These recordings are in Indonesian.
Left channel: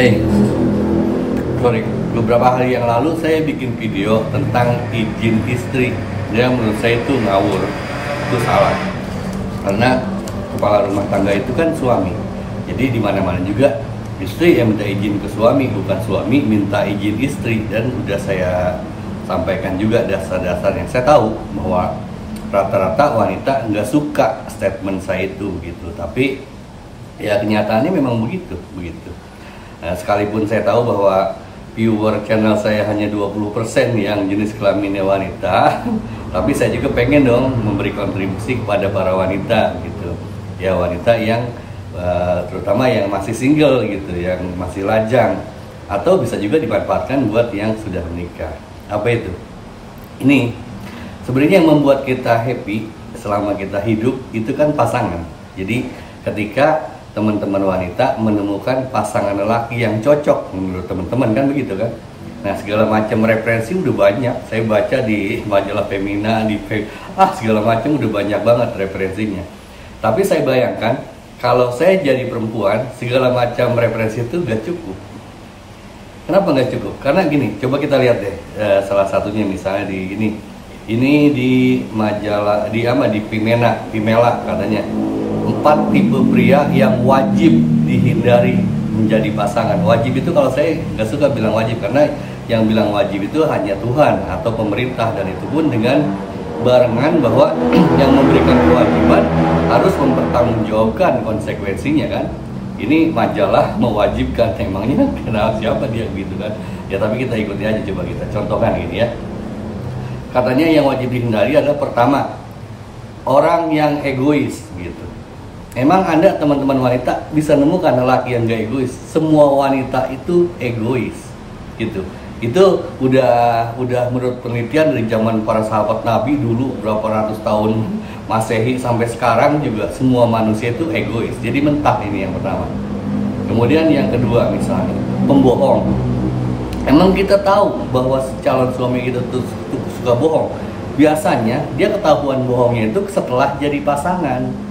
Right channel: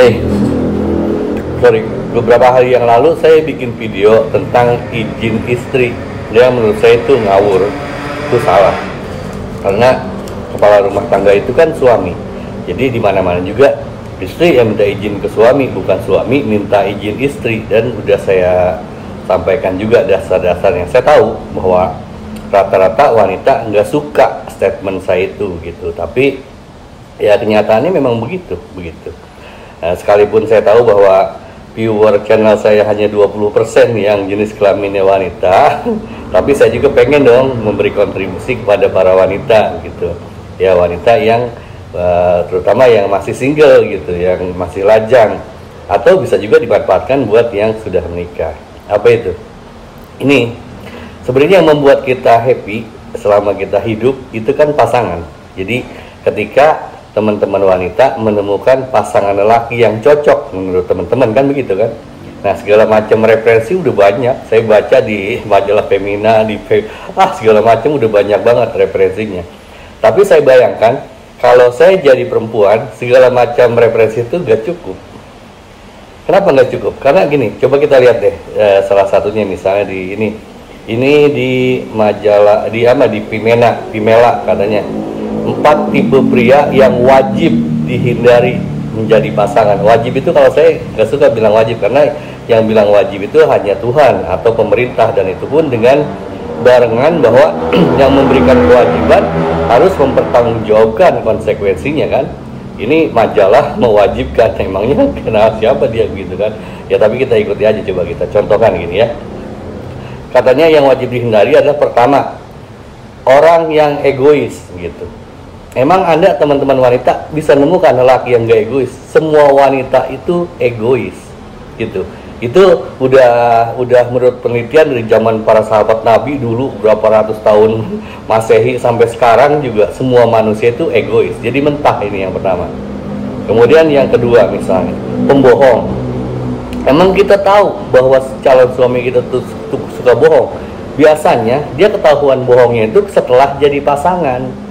Eh, sorry, beberapa hari yang lalu saya bikin video tentang izin istri. Yang menurut saya itu ngawur, itu salah. Karena kepala rumah tangga itu kan suami. Jadi di mana-mana juga istri yang minta izin ke suami, bukan suami minta izin istri. Dan udah saya sampaikan juga dasar-dasarnya. Saya tahu bahwa rata-rata wanita nggak suka statement saya itu gitu. Tapi ya kenyataannya memang begitu. Nah, sekalipun saya tahu bahwa viewer channel saya hanya 20% yang jenis kelaminnya wanita, tapi saya juga pengen dong memberi kontribusi kepada para wanita gitu. Ya, wanita yang terutama yang masih single gitu, yang masih lajang, atau bisa juga dimanfaatkan buat yang sudah menikah. Apa itu? Ini sebenarnya yang membuat kita happy selama kita hidup itu kan pasangan. Jadi ketika teman-teman wanita menemukan pasangan lelaki yang cocok menurut teman-teman, kan begitu kan. Nah, segala macam referensi udah banyak saya baca di majalah Femina, segala macam udah banyak banget referensinya. Tapi saya bayangkan kalau saya jadi perempuan, segala macam referensi itu gak cukup. Kenapa gak cukup? Karena gini, coba kita lihat deh, salah satunya misalnya di ini di majalah di Vimela katanya 4 tipe pria yang wajib dihindari menjadi pasangan. Wajib itu kalau saya nggak suka bilang wajib, karena yang bilang wajib itu hanya Tuhan atau pemerintah, dan itu pun dengan barengan bahwa yang memberikan kewajiban harus mempertanggungjawabkan konsekuensinya kan. Ini majalah mewajibkan, emangnya kenal siapa dia gitu kan. Ya tapi kita ikuti aja, coba kita contohkan gini ya. Katanya yang wajib dihindari adalah pertama, orang yang egois gitu. Emang Anda teman-teman wanita bisa nemukan lelaki yang gak egois? Semua wanita itu egois gitu. Itu udah menurut penelitian dari zaman para sahabat Nabi dulu berapa ratus tahun Masehi sampai sekarang juga semua manusia itu egois. Jadi mentah, ini yang pertama. Kemudian yang kedua misalnya, pembohong. Emang kita tahu bahwa calon suami kita tuh suka bohong? Biasanya dia ketahuan bohongnya itu setelah jadi pasangan.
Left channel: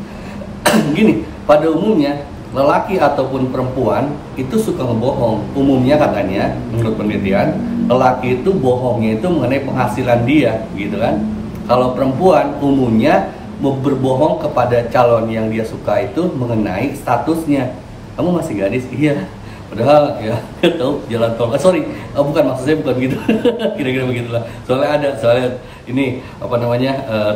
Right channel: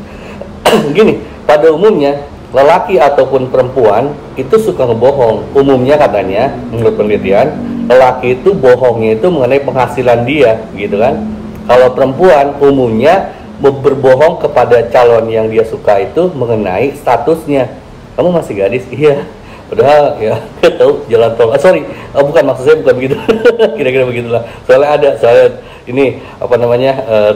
Gini, pada umumnya lelaki ataupun perempuan itu suka ngebohong. Umumnya katanya, menurut penelitian, lelaki itu bohongnya itu mengenai penghasilan dia, gitu kan. Kalau perempuan umumnya berbohong kepada calon yang dia suka itu mengenai statusnya. Kamu masih gadis? Iya. Padahal ya tahu jalan tol. Bukan, maksud saya bukan begitu. Kira-kira begitulah. Soalnya ini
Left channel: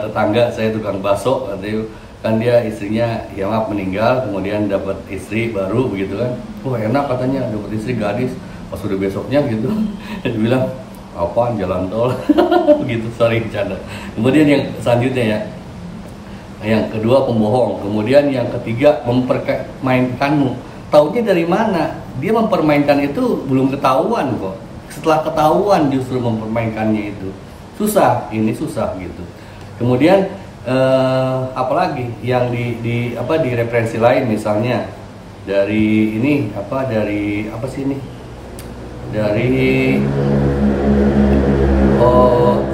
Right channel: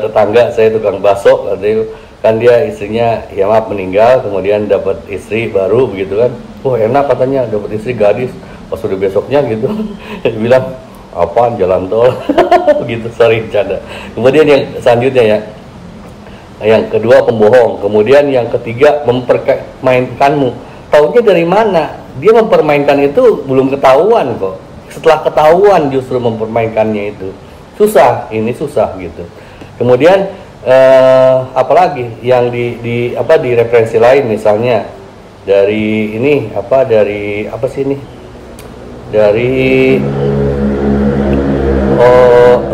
tetangga saya tukang bakso, katanya kan dia istrinya ya maaf meninggal, kemudian dapat istri baru begitu kan. Oh enak katanya dapat istri gadis. Pas udah besoknya gitu dia bilang apaan jalan tol. Begitu, bercanda. Kemudian yang selanjutnya ya, yang kedua pembohong. Kemudian yang ketiga mempermainkanmu. Taunya dari mana? Dia mempermainkan itu belum ketahuan kok. Setelah ketahuan justru mempermainkannya itu. Susah gitu. Kemudian apalagi yang di referensi lain misalnya dari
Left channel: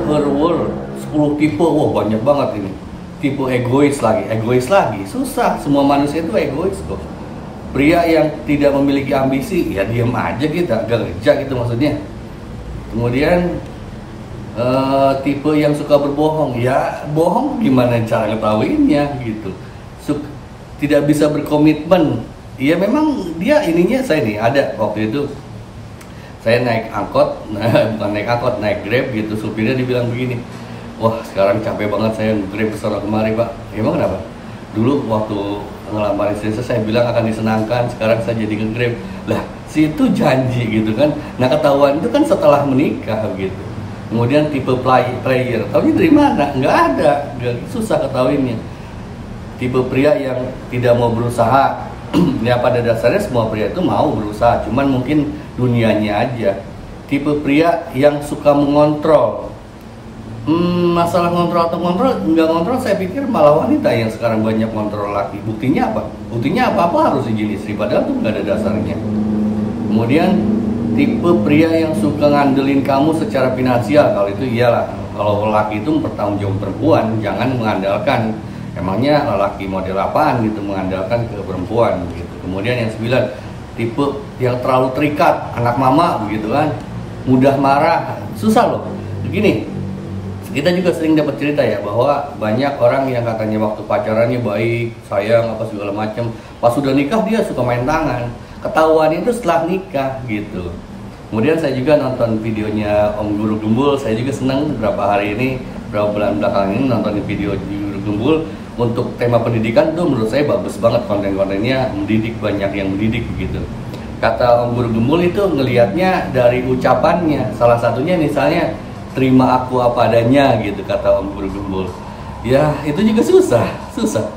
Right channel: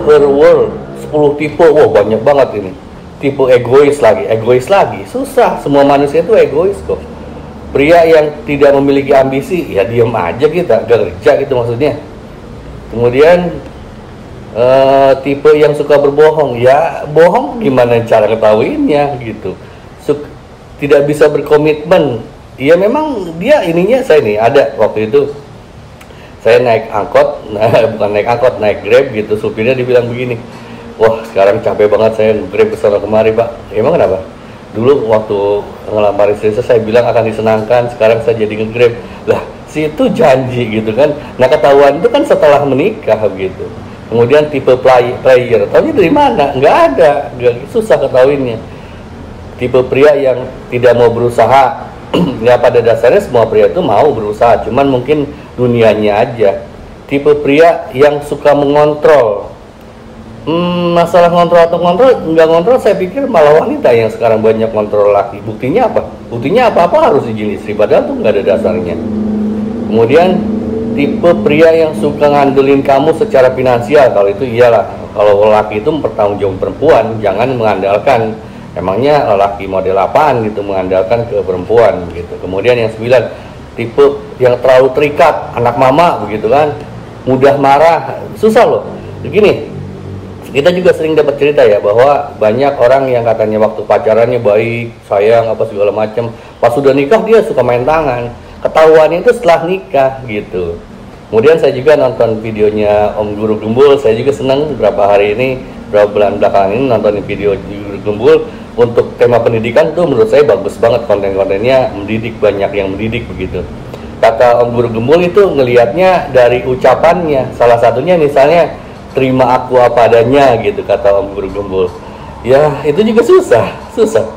Her World 10 tipe. Wah, banyak banget ini. Tipe egois lagi. Susah, semua manusia itu egois kok. Pria yang tidak memiliki ambisi, ya diam aja kita, gak kerja gitu maksudnya. Kemudian tipe yang suka berbohong, ya bohong gimana cara ngetahuinnya gitu. Tidak bisa berkomitmen. Ya memang dia ininya, saya nih ada waktu itu saya naik angkot, naik Grab gitu, supirnya dibilang begini, wah sekarang capek banget saya Grab kesana kemari Pak. Emang kenapa? Dulu waktu ngelamar istri saya bilang akan disenangkan, sekarang saya jadi nge-Grab. Lah, si itu janji gitu kan. Nah, ketahuan itu kan setelah menikah begitu. Kemudian tipe player, tahunya dari mana? Nggak ada, susah ketahuinnya. Tipe pria yang tidak mau berusaha. Ya pada dasarnya semua pria itu mau berusaha, cuman mungkin dunianya aja. Tipe pria yang suka mengontrol. Masalah ngontrol atau nggak ngontrol, saya pikir malah wanita yang sekarang banyak kontrol laki. Buktinya apa harus izin istri, padahal tuh nggak ada dasarnya. Kemudian tipe pria yang suka ngandelin kamu secara finansial. Kalau itu iyalah, kalau laki itu mempertanggungjawabkan perempuan, jangan mengandalkan. Emangnya lelaki model apaan gitu mengandalkan ke perempuan gitu. Kemudian yang 9, tipe yang terlalu terikat, anak mama begitu kan, mudah marah, susah loh. Begini, kita juga sering dapat cerita ya bahwa banyak orang yang katanya waktu pacarannya baik, sayang apa segala macam, pas sudah nikah dia suka main tangan. Ketahuan itu setelah nikah gitu. Kemudian saya juga nonton videonya Om Guru Gembul. Saya juga senang beberapa hari ini, beberapa bulan belakangan ini nonton video Guru Gembul untuk tema pendidikan tuh menurut saya bagus banget, konten-kontennya mendidik, banyak yang mendidik begitu. Kata Om Guru Gembul itu ngelihatnya dari ucapannya, salah satunya misalnya terima aku apa adanya gitu kata Om Guru Gembul. Ya itu juga susah.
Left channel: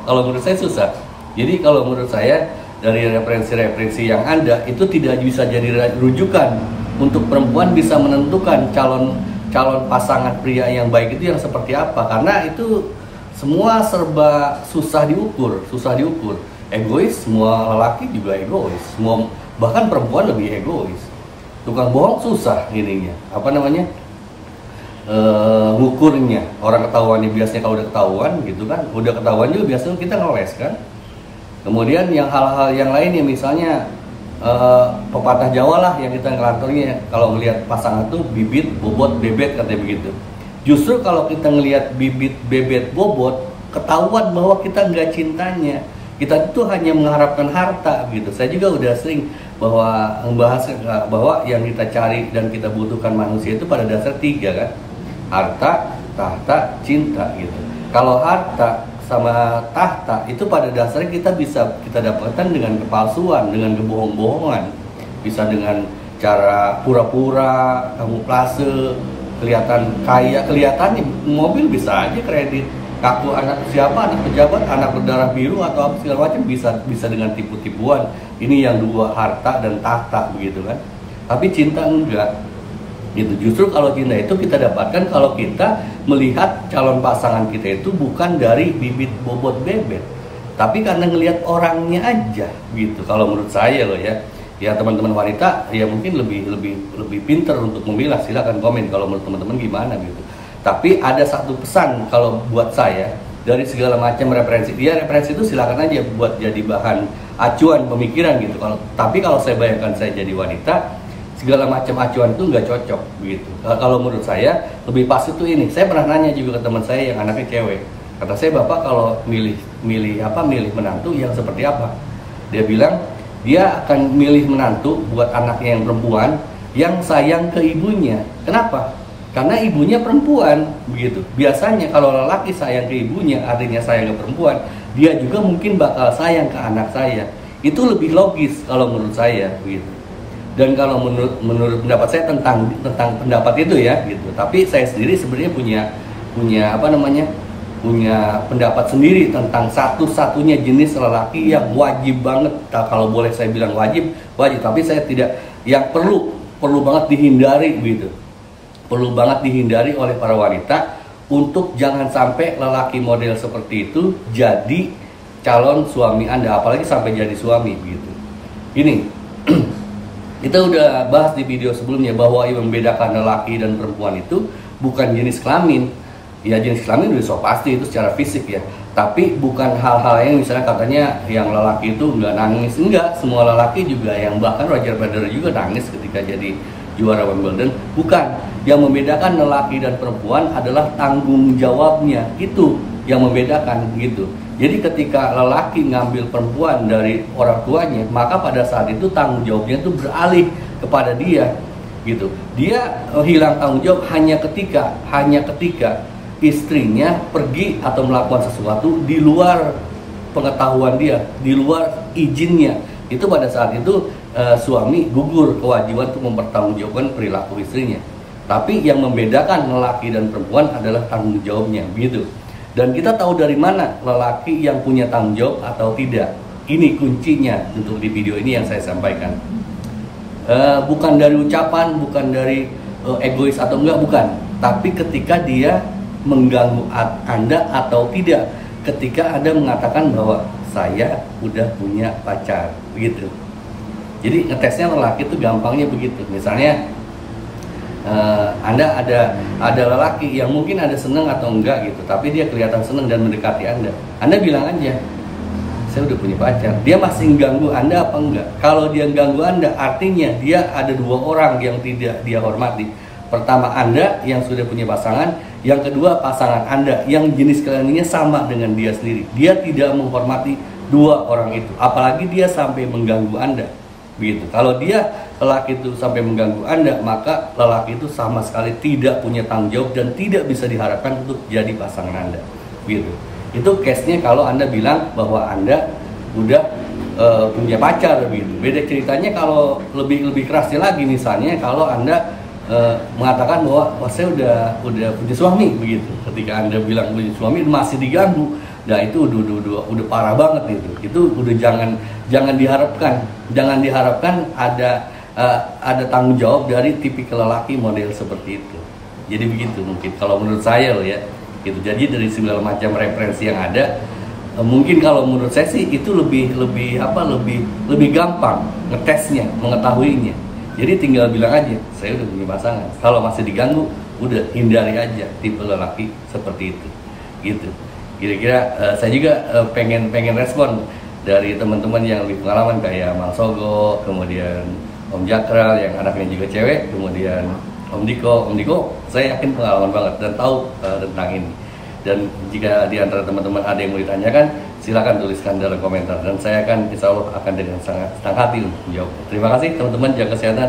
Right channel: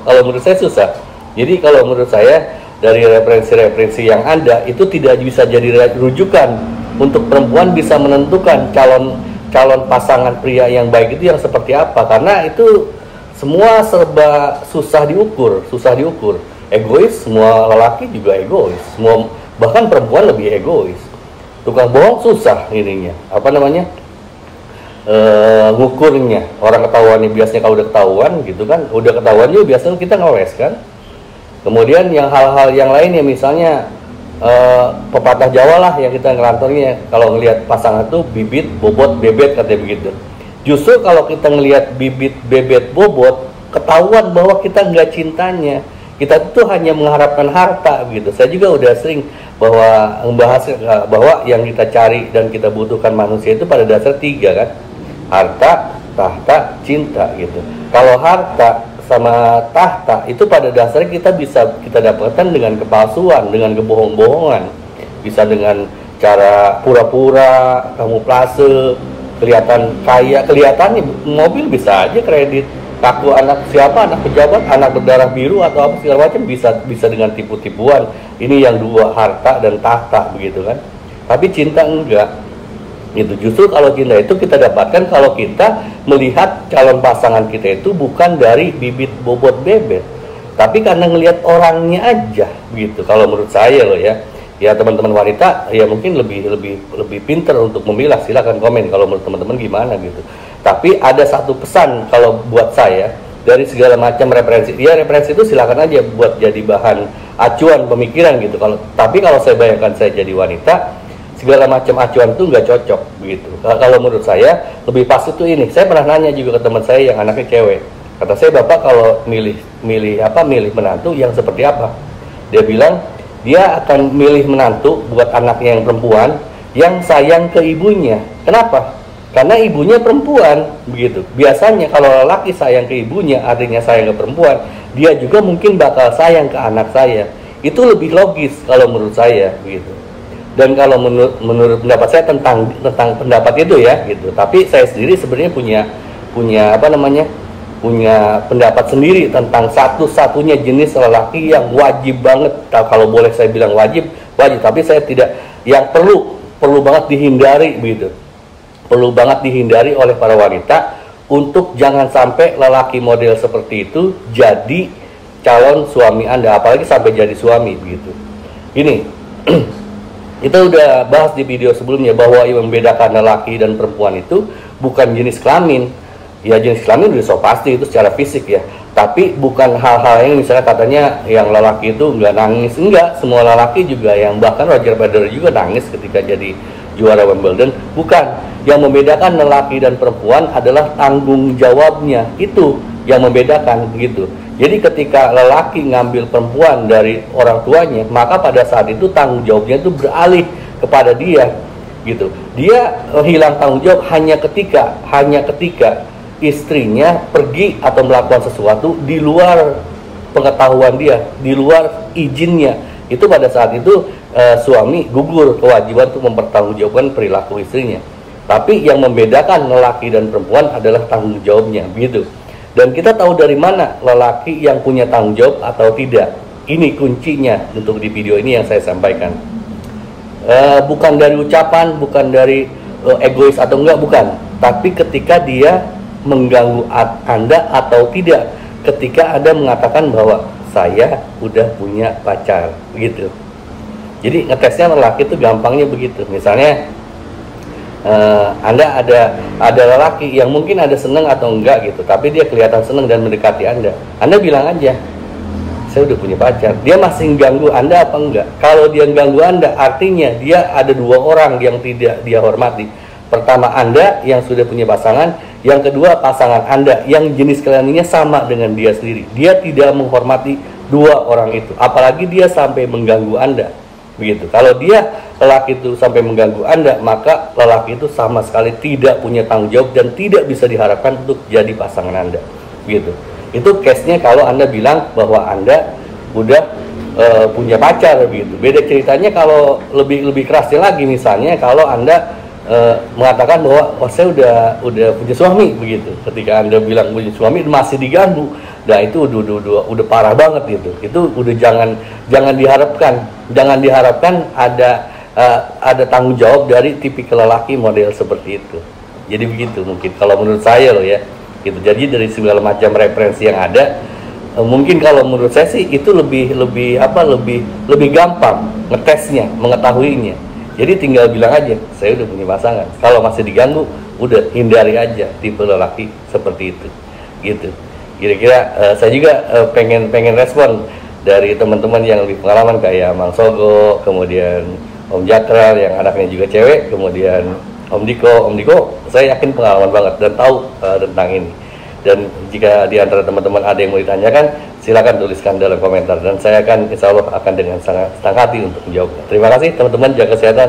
Kalau menurut saya susah. Jadi kalau menurut saya dari referensi-referensi yang ada itu tidak bisa jadi rujukan untuk perempuan bisa menentukan calon pasangan pria yang baik itu yang seperti apa, karena itu semua serba susah diukur. Egois, semua lelaki juga egois, semua bahkan perempuan lebih egois. Tukang bohong susah ininya, ngukurnya. Orang ketahuannya biasanya kalau udah ketahuan gitu kan, udah ketahuan juga biasanya kita ngeles kan. Kemudian yang hal-hal yang lainnya misalnya pepatah Jawa lah yang kita ngelanturnya, kalau ngelihat pasangan tuh bibit, bobot, bebet katanya begitu. Justru kalau kita ngelihat bibit, bebet, bobot, ketahuan bahwa kita nggak cintanya, kita tuh hanya mengharapkan harta gitu. Saya juga udah sering membahas bahwa yang kita cari dan kita butuhkan manusia itu pada dasar 3 kan, harta, tahta, cinta gitu. Kalau harta sama tahta itu pada dasarnya kita dapatkan dengan kepalsuan, dengan kebohong-bohongan, bisa dengan cara pura-pura, kamuflase, kelihatan kaya, kelihatannya mobil bisa aja kredit, aku anak siapa, anak pejabat, anak berdarah biru atau apa segala macam, bisa dengan tipu-tipuan. Ini yang 2, harta dan tahta begitu kan. Tapi cinta enggak. Itu justru kalau cinta itu kita dapatkan kalau kita melihat calon pasangan kita itu bukan dari bibit, bobot, bebet, tapi karena ngelihat orangnya aja gitu. Kalau menurut saya loh ya teman-teman wanita ya mungkin lebih pinter untuk memilah, silakan komen kalau menurut teman-teman gimana gitu. Tapi ada satu pesan kalau buat saya dari segala macam referensi, referensi itu silakan aja buat jadi bahan acuan pemikiran gitu. Tapi kalau saya bayangkan saya jadi wanita, segala macam acuan itu nggak cocok begitu. Kalau menurut saya lebih pas itu ini. Saya pernah nanya juga ke teman saya yang anaknya cewek. Kata saya, Bapak kalau milih menantu yang seperti apa? Dia bilang dia akan milih menantu buat anaknya yang perempuan yang sayang ke ibunya. Kenapa? Karena ibunya perempuan begitu. Biasanya kalau lelaki sayang ke ibunya, artinya sayang ke perempuan, dia juga mungkin bakal sayang ke anak saya. Itu lebih logis kalau menurut saya begitu. Dan kalau menurut pendapat saya tentang pendapat itu ya gitu. Tapi saya sendiri sebenarnya punya pendapat sendiri tentang satu-satunya jenis lelaki yang wajib banget, kalau boleh saya bilang wajib, tapi saya tidak, yang perlu banget dihindari begitu. Perlu banget dihindari oleh para wanita untuk jangan sampai lelaki model seperti itu jadi calon suami Anda, apalagi sampai jadi suami begitu. Ini kita udah bahas di video sebelumnya bahwa yang membedakan lelaki dan perempuan itu bukan jenis kelamin. Ya jenis kelamin udah so pasti itu secara fisik ya. Tapi bukan hal-hal yang misalnya katanya yang lelaki itu nggak nangis. Enggak, semua lelaki juga, yang bahkan Roger Federer juga nangis ketika jadi juara Wimbledon. Bukan, yang membedakan lelaki dan perempuan adalah tanggung jawabnya. Itu yang membedakan gitu. Jadi ketika lelaki ngambil perempuan dari orang tuanya, maka pada saat itu tanggung jawabnya itu beralih kepada dia gitu. Dia hilang tanggung jawab hanya ketika istrinya pergi atau melakukan sesuatu di luar pengetahuan dia, di luar izinnya. Itu pada saat itu suami gugur kewajiban untuk mempertanggungjawabkan perilaku istrinya. Tapi yang membedakan lelaki dan perempuan adalah tanggung jawabnya begitu. Dan kita tahu dari mana lelaki yang punya tanggung jawab atau tidak. Ini kuncinya untuk di video ini yang saya sampaikan. Bukan dari ucapan, bukan dari egois atau enggak, bukan. Tapi ketika dia mengganggu Anda atau tidak. Ketika Anda mengatakan bahwa saya udah punya pacar, begitu. Jadi ngetesnya lelaki itu gampangnya begitu. Misalnya Anda ada lelaki yang mungkin ada seneng atau enggak gitu, tapi dia kelihatan seneng dan mendekati Anda bilang aja, saya udah punya pacar. Dia masih ganggu Anda apa enggak? Kalau dia ganggu Anda, artinya dia ada dua orang yang tidak dia hormati. Pertama, Anda yang sudah punya pasangan. Yang kedua, pasangan Anda yang jenis kelaminnya sama dengan dia sendiri. Dia tidak menghormati dua orang itu. Apalagi dia sampai mengganggu Anda. Begitu. Kalau dia, lelaki itu, sampai mengganggu Anda, maka lelaki itu sama sekali tidak punya tanggung jawab dan tidak bisa diharapkan untuk jadi pasangan Anda. Begitu. Itu case-nya kalau Anda bilang bahwa Anda udah punya pacar begitu. Beda ceritanya kalau lebih kerasnya lagi, misalnya kalau Anda mengatakan bahwa saya udah punya suami begitu. Ketika Anda bilang punya suami masih diganggu, nah itu udah parah banget gitu. Itu udah jangan diharapkan ada tanggung jawab dari tipikal lelaki model seperti itu. Jadi begitu mungkin kalau menurut saya loh ya. Gitu. Jadi dari segala macam referensi yang ada, mungkin kalau menurut saya sih itu lebih gampang ngetesnya, mengetahuinya. Jadi tinggal bilang aja, saya udah punya pasangan. Kalau masih diganggu, udah hindari aja tipe lelaki seperti itu. Gitu. Kira-kira saya juga pengen respon dari teman-teman yang lebih pengalaman kayak Mang Sogo, kemudian Om Jakral yang anaknya juga cewek, kemudian Om Diko, saya yakin pengalaman banget dan tahu tentang ini. Dan jika di antara teman-teman ada yang mau ditanyakan, silakan tuliskan dalam komentar dan saya akan insya Allah akan dengan sangat senang hati untuk menjawabnya. Terima kasih teman-teman, jaga kesehatan.